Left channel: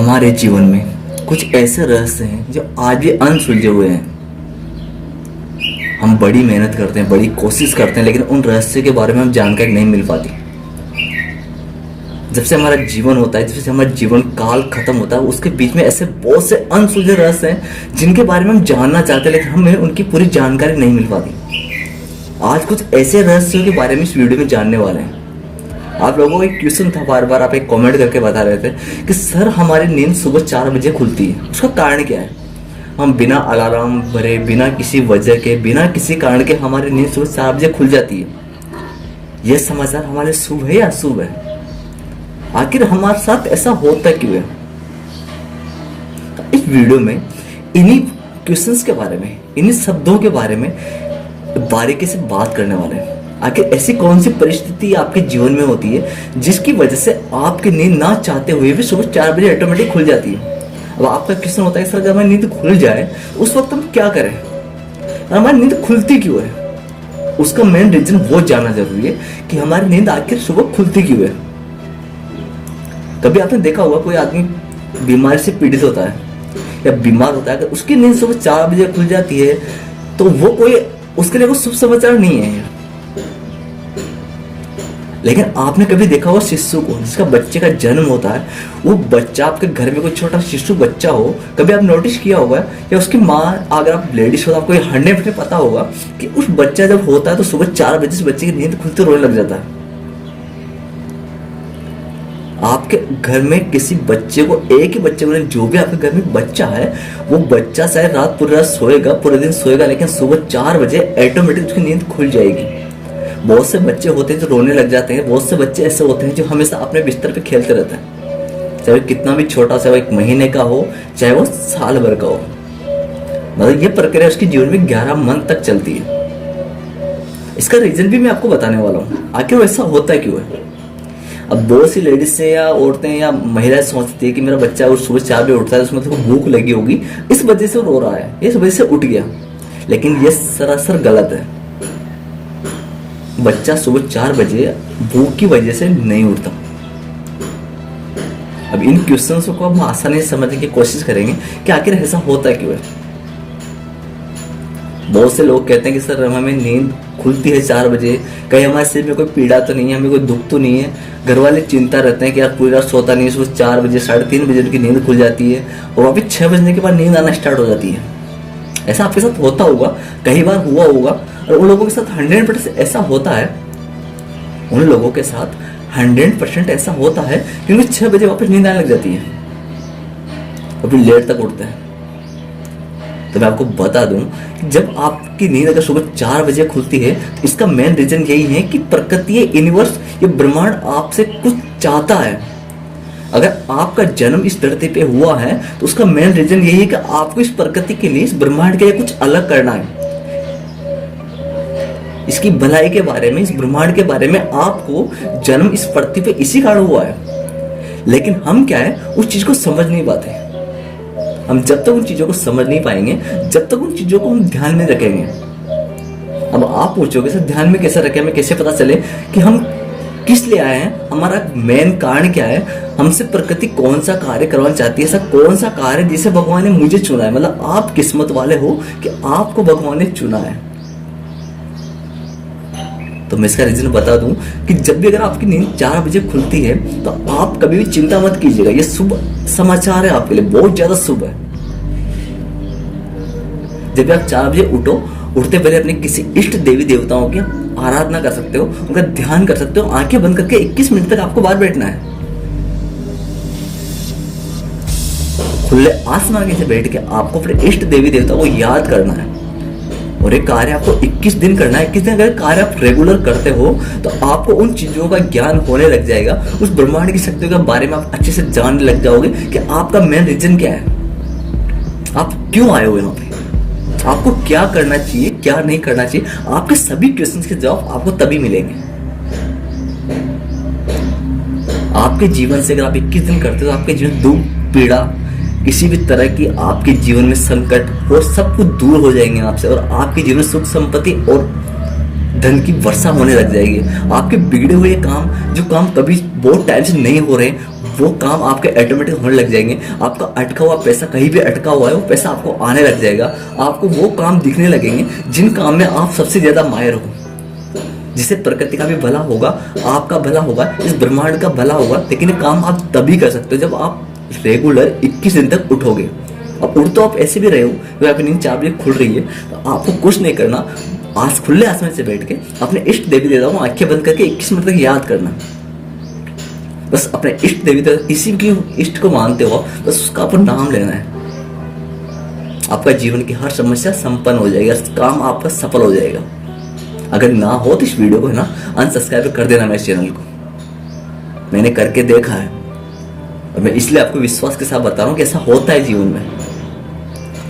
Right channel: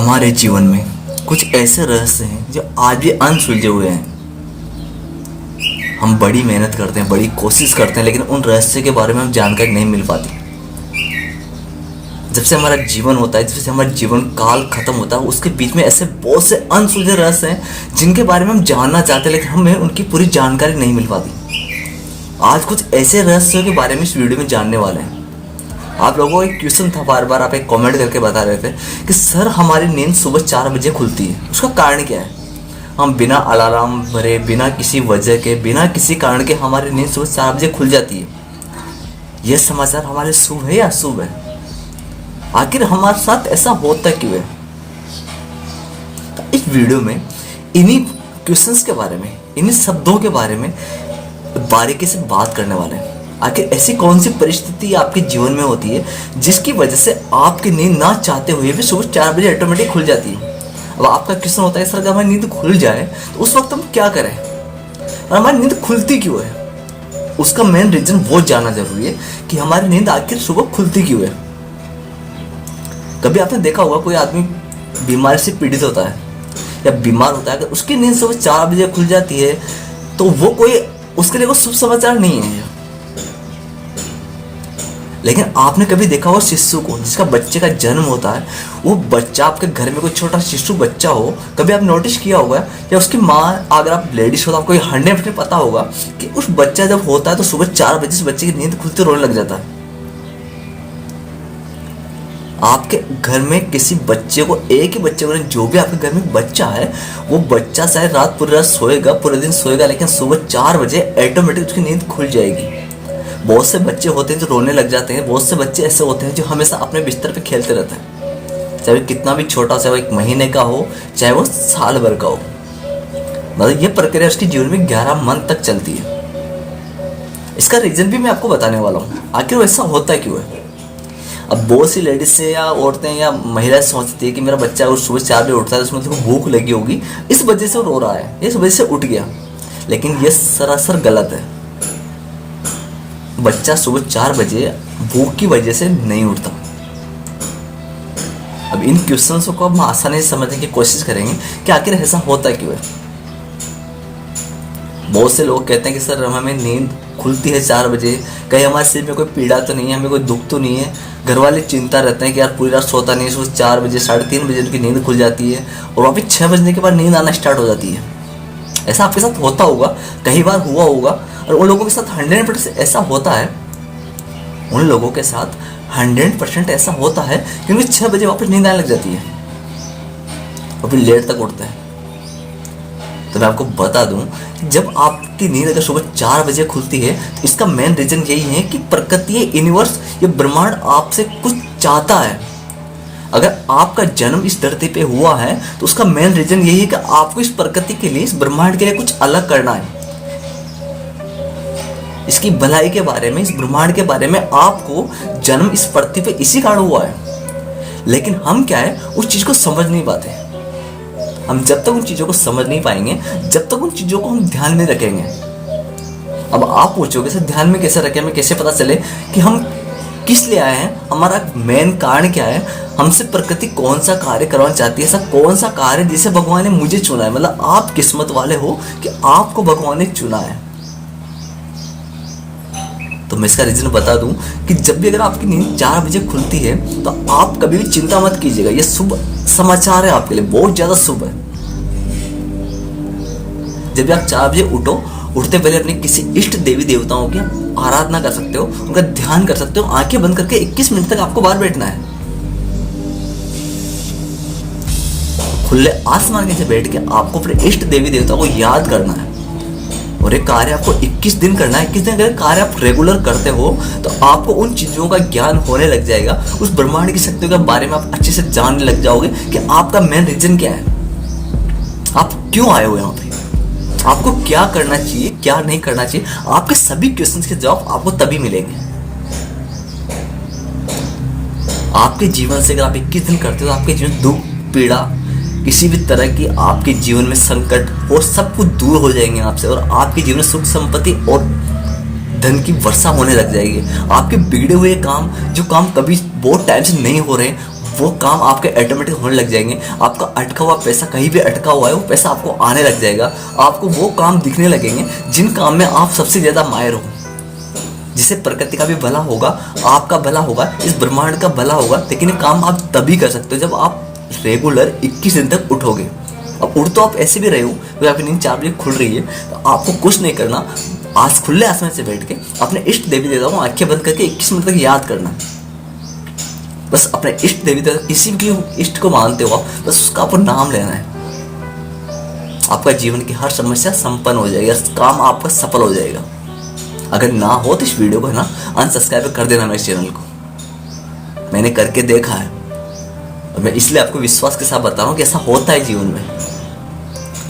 हमारे जीवन में कुछ ऐसे रहस्य हैं जो आज भी अनसुलझे हुए हैं। हम बड़ी मेहनत करते हैं, बड़ी कोशिश करते हैं, लेकिन उन रहस्य के बारे में हम जानकारी नहीं मिल पाती। जब से हमारा जीवन होता है, जब से हमारा जीवन काल खत्म होता है, उसके बीच में ऐसे बहुत से अनसुलझे रहस्य हैं जिनके बारे में हम जानना चाहते हैं, लेकिन हमें उनकी पूरी जानकारी नहीं मिल पाती। आज कुछ ऐसे रहस्यों के बारे में इस वीडियो में जानने वाले हैं। आप लोगों को एक क्वेश्चन था, बार बार आप एक कमेंट करके बता रहे थे कि सर हमारी नींद सुबह 4 बजे खुलती है, उसका कारण क्या है? हम बिना अलार्म भरे, बिना किसी वजह के, बिना किसी कारण के हमारी नींद सुबह 4 बजे खुल जाती है। यह समाचार हमारे शुभ है या अशुभ है? आखिर हमारे साथ ऐसा होता क्यों है? इस वीडियो में इन्हीं क्वेश्चंस के बारे में, इन्हीं शब्दों के बारे में बारीकी से बात करने वाले हैं। आखिर ऐसी कौन सी परिस्थिति आपके जीवन में होती है जिसकी वजह से आपकी नींद ना चाहते हुए भी सुबह 4 बजे ऑटोमेटिक खुल जाती है? अब आपका क्वेश्चन होता है सर अगर हमारी नींद खुल जाए तो उस वक्त हम क्या करें? और हमारी नींद खुलती क्यों है? उसका मेन रीजन वो जानना जरूरी है कि हमारी नींद आखिर सुबह खुलती क्यों है। कभी आपने देखा होगा कोई आदमी बीमारी से पीड़ित होता है या बीमार होता है, अगर उसकी नींद सुबह 4 बजे खुल जाती है तो वो कोई उसके लिए कोई शुभ समाचार नहीं है। लेकिन आपने कभी देखा होगा शिशु को, जिसका बच्चे का जन्म होता है, वो बच्चा आपके घर में कोई छोटा शिशु बच्चा हो, कभी आप नोटिस किया होगा? या उसकी माँ, अगर आप लेडीज हो तो आपको 100% पता होगा कि उस बच्चा जब होता है तो सुबह 4 बजे से बच्चे की नींद खुलते रोने लग जाता है। आपके घर में किसी बच्चे को, एक ही बच्चे को, जो भी आपके घर में बच्चा है, वो बच्चा शायद रात पूरी रात सोएगा, पूरे दिन सोएगा, लेकिन सुबह 4 बजे ऑटोमेटिक उसकी नींद खुल जाएगी। बहुत से बच्चे होते हैं जो रोने लग जाते हैं, बहुत से बच्चे ऐसे होते हैं जो हमेशा अपने बिस्तर पे खेलते रहते हैं, चाहे वो कितना भी छोटा, चाहे वो 1 महीने का हो, चाहे वो साल भर का हो। मतलब ये प्रक्रिया उसके जीवन में 11 मंथ तक चलती है। इसका रीजन भी मैं आपको बताने वाला हूँ, आखिर वो ऐसा होता है क्यों है। अब बहुत सी लेडीज से या औरतें या महिलाएं सोचती है कि मेरा बच्चा अगर सुबह 4 बजे उठता है, उसमें तो भूख लगी होगी, इस वजह से रो रहा है, इस वजह से उठ गया। लेकिन ये सरासर गलत है। बच्चा सुबह 4 बजे भूख की वजह से नहीं उठता। अब इन क्वेश्चंस को हम आसानी से समझने की कोशिश करेंगे कि आखिर ऐसा होता क्यों है। बहुत से लोग कहते हैं कि सर हमें नींद खुलती है 4 बजे, कहीं हमारे सिर में कोई पीड़ा तो नहीं है, हमें कोई दुख तो नहीं है। घर वाले चिंता रहते हैं कि यार पूरी रात सोता नहीं है, सुबह 4 बजे 3:30 बजे उनकी नींद खुल जाती है और वापिस 6 बजने के बाद नींद आना स्टार्ट हो जाती है। ऐसा आपके साथ होता होगा, कई बार हुआ होगा। और उन लोगों के साथ 100% ऐसा होता है, उन लोगों के साथ 100% ऐसा होता है कि उन्हें 6 बजे वापस नींद आने लग जाती है और फिर लेट तक उठते हैं। तो मैं आपको बता दूं कि जब आपकी नींद अगर सुबह 4 बजे खुलती है तो इसका मेन रीजन यही है कि प्रकृति, यूनिवर्स, ये ब्रह्मांड आपसे कुछ चाहता है। अगर आपका जन्म इस धरती पे हुआ है तो उसका मेन रीजन यही है कि आपको इस प्रकृति के लिए, इस ब्रह्मांड के लिए कुछ अलग करना है। इसकी भलाई के बारे में, इस ब्रह्मांड के बारे में आपको जन्म इस पृथ्वी पे इसी कारण हुआ है। लेकिन हम क्या है, उस चीज को समझ नहीं पाते। हम जब तक उन चीजों को समझ नहीं पाएंगे, जब तक उन चीजों को हम ध्यान नहीं रखेंगे। अब आप पूछोगे सर ध्यान में कैसे रखें, हमें कैसे पता चले कि हम किस लिए आए हैं, हमारा मेन कारण क्या है, हमसे प्रकृति कौन सा कार्य करवाना चाहती है, ऐसा कौन सा कार्य जिसे भगवान ने मुझे चुना है। मतलब आप किस्मत वाले हो कि आपको भगवान ने चुना है। तो मैं इसका रीजन बता दूं कि जब भी अगर आपकी नींद 4 बजे खुलती है तो आप कभी भी चिंता मत कीजिएगा, ये शुभ समाचार है आपके लिए, बहुत ज्यादा शुभ है। जब भी आप 4 बजे उठो, उठते पहले अपने किसी इष्ट देवी देवताओं की आराधना कर सकते हो, उनका ध्यान कर सकते हो। आंखें बंद करके 21 मिनट तक आपको बाहर बैठना है। खुले आसमान के नीचे बैठ के आपको अपने इष्ट देवी देवता को याद करना है और ये कार्य आपको 21 दिन करना है। 21 दिन अगर कार्य आप रेगुलर करते हो तो आपको उन चीजों का ज्ञान होने लग जाएगा, उस ब्रह्मांड की शक्तियों के बारे में आप अच्छे से जानने लग जाओगे कि आपका मेन रीजन क्या है, आप क्यों आए हो यहाँ पे, आपको क्या करना चाहिए, क्या नहीं करना चाहिए। आपके सभी क्वेश्चंस के जवाब आपको तभी मिलेंगे। आपके जीवन से अगर आप 21 दिन करते हो तो आपके जीवन दुख, पीड़ा, किसी भी तरह की आपके जीवन में संकट और सब कुछ दूर हो जाएंगे आपसे, और आपके जीवन में सुख, संपत्ति और धन की वर्षा होने लग जाएगी। आपके बिगड़े हुए काम, जो काम कभी बहुत टाइम से नहीं हो रहे, वो काम आपके ऑटोमेटिक होने लग जाएंगे। आपका अटका हुआ पैसा, कहीं भी अटका हुआ है, वो पैसा आपको आने लग जाएगा। आपको वो काम दिखने लगेंगे जिन काम में आप सबसे ज्यादा माहिर हो, जिससे प्रकृति का भी भला होगा, आपका भला होगा, इस ब्रह्मांड का भला होगा। लेकिन ये काम आप तभी कर सकते हो जब आप रेगुलर 21 दिन तक उठोगे। अब उठ तो आप ऐसे भी रहे हो, जब आपकी नींद 4 बजे खुल रही है, तो आपको कुछ नहीं करना, आज खुले आसमान से बैठ के अपने इष्ट देवी देवताओं आंखें बंद करके 21 मिनट तक याद करना। बस अपने इष्ट देवी देवता, किसी भी इष्ट को मानते हो आप, बस उसका आपको नाम लेना है। आपका जीवन की हर समस्या संपन्न हो जाएगी, काम आपका सफल हो जाएगा। अगर ना हो तो इस वीडियो को है ना अनसब्सक्राइब कर देना मेरे चैनल को। मैंने करके देखा है और मैं इसलिए आपको विश्वास के साथ बता रहा हूँ कि ऐसा होता है जीवन में।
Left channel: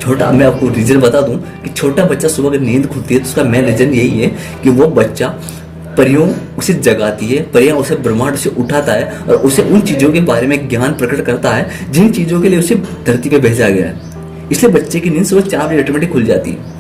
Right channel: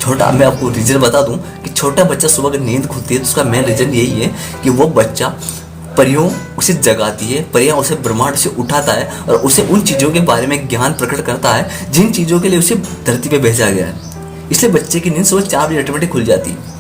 छोटा मैं आपको रीजन बता दूं कि छोटा बच्चा सुबह अगर नींद खुलती है तो उसका मेन रीजन यही है कि वो बच्चा परियों उसे जगाती है, परियां उसे ब्रह्मांड से उठाता है और उसे उन चीज़ों के बारे में ज्ञान प्रकट करता है जिन चीज़ों के लिए उसे धरती पे भेजा गया है। इसलिए बच्चे की नींद सुबह 4 बजे ऑटोमेटिक खुल जाती है।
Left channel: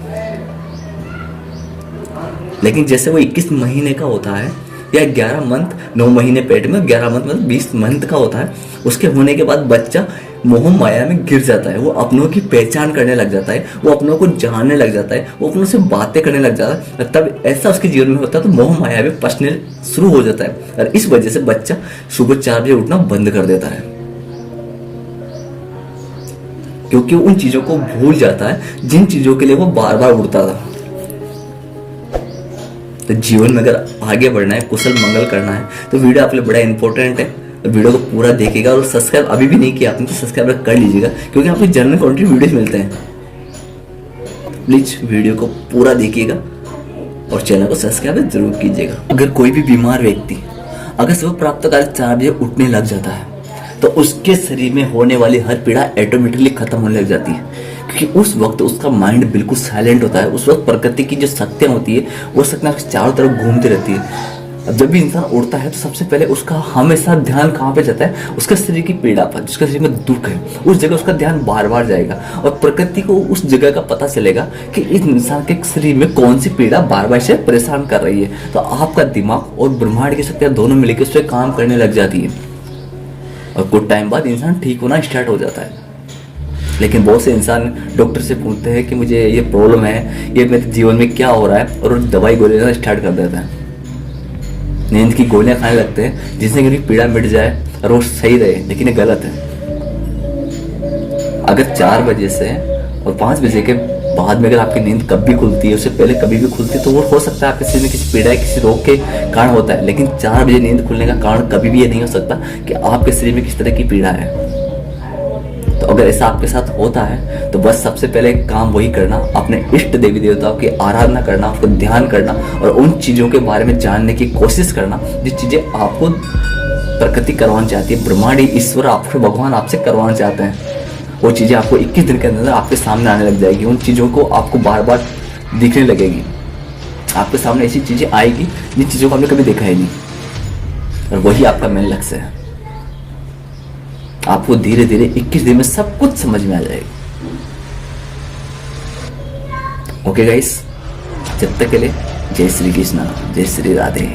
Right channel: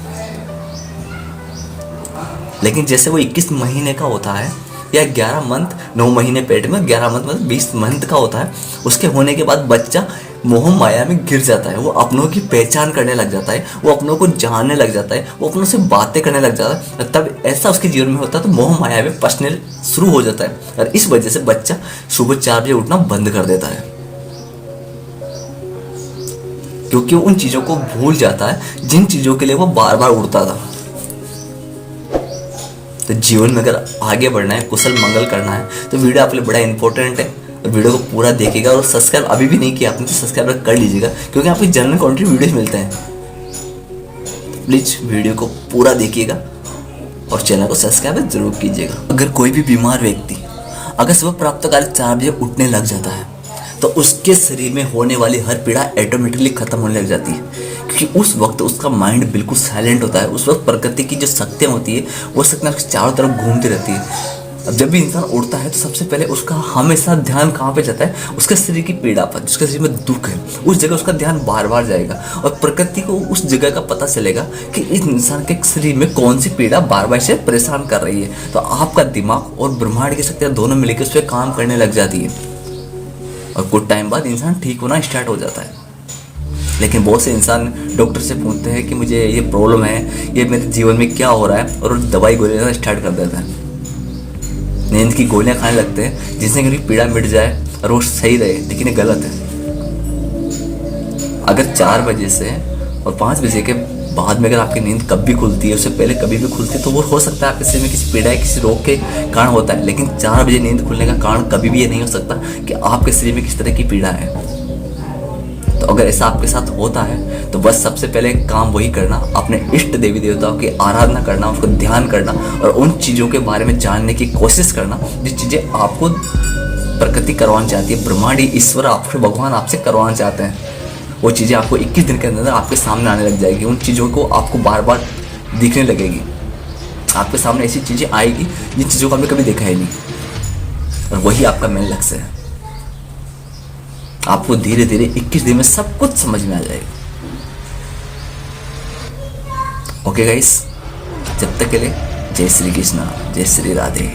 लेकिन जैसे वो 21 महीने का होता है या 11 मंथ, 9 महीने पेट में, 11 मंथ मतलब 20 मंथ का होता है, उसके होने के बाद बच्चा मोह माया में गिर जाता है। वो अपनों की पहचान करने लग जाता है, वो अपनों को जानने लग जाता है, वो अपनों से बातें करने लग जाता है। तब ऐसा उसके जीवन में होता है तो मोह माया में फंसने शुरू हो जाता है और इस वजह से बच्चा सुबह 4 बजे उठना बंद कर देता है, क्योंकि वो उन चीजों को भूल जाता है जिन चीजों के लिए वो बार बार उठता था। तो जीवन में अगर आगे बढ़ना है, कुशल मंगल करना है, तो वीडियो आपके लिए बड़ा इंपॉर्टेंट है। तो वीडियो को पूरा देखिएगा और सब्सक्राइब अभी भी नहीं किया आपने तो सब्सक्राइब कर लीजिएगा, क्योंकि आपको जनरल कंटेंट वीडियोस मिलते हैं। प्लीज वीडियो को पूरा देखिएगा और चैनल को सब्सक्राइब जरूर कीजिएगा। अगर कोई भी बीमार व्यक्ति अगर सुबह प्रातःकाल 4 बजे उठने लग जाता है तो उसके शरीर में होने वाली हर पीड़ा ऑटोमेटिकली खत्म होने लग जाती है, क्योंकि उस वक्त उसका माइंड बिल्कुल साइलेंट होता है। उस वक्त प्रकृति की जो शक्तियाँ होती है वो शक्तियाँ चारों तरफ घूमती रहती है। अब जब भी इंसान उठता है तो सबसे पहले उसका हमेशा ध्यान कहाँ पे जाता है, उसके शरीर की पीड़ा पर, जिसके शरीर में दुख है उस जगह उसका ध्यान बार बार जाएगा और प्रकृति को उस जगह का पता चलेगा कि इस इंसान के शरीर में कौन सी पीड़ा बार बार से परेशान कर रही है। तो आपका दिमाग और ब्रह्मांड की शक्तियाँ दोनों मिलकर उस पर काम करने लग जाती है और कुछ टाइम बाद इंसान ठीक होना स्टार्ट हो जाता है। लेकिन बहुत से इंसान डॉक्टर से पूछते हैं कि मुझे ये प्रॉब्लम है, ये मेरे जीवन में क्या हो रहा है, और दवाई गोलियां स्टार्ट कर देता है, नींद की गोलियां खाने लगते हैं जिससे कि पीड़ा मिट जाए और वो सही रहे। लेकिन ये गलत है। अगर 4 बजे से और 5 बजे के बाद में अगर आपकी नींद कभी खुलती है, उससे पहले कभी भी खुलती है, तो वो हो सकता है आपके शरीर में किसी पीड़ा किसी रोग के कारण होता है। लेकिन 4 बजे नींद खुलने का कारण कभी भी ये नहीं हो सकता कि आपके शरीर में किस तरह की पीड़ा है। तो अगर ऐसा आपके साथ होता है तो बस सबसे पहले काम वही करना, अपने इष्ट देवी देवताओं की आराधना करना, उसको ध्यान करना और उन चीज़ों के बारे में जानने की कोशिश करना जिस चीज़ें आपको प्रकृति करवाना चाहती है, ब्रह्मांड ईश्वर आपसे, भगवान आपसे करवाना चाहते हैं। वो चीज़ें आपको 21 दिन के अंदर आपके सामने आने लग जाएगी। उन चीज़ों को आपको बार बार दिखने लगेगी। आपके सामने ऐसी चीज़ें आएगी जिन चीज़ों को हमने कभी देखा ही नहीं, और वही आपका मेन लक्ष्य है। आपको धीरे धीरे 21 दिन में सब कुछ समझ में आ जाएगा। ओके गाइस, जब तक के लिए जय श्री कृष्णा, जय श्री राधे।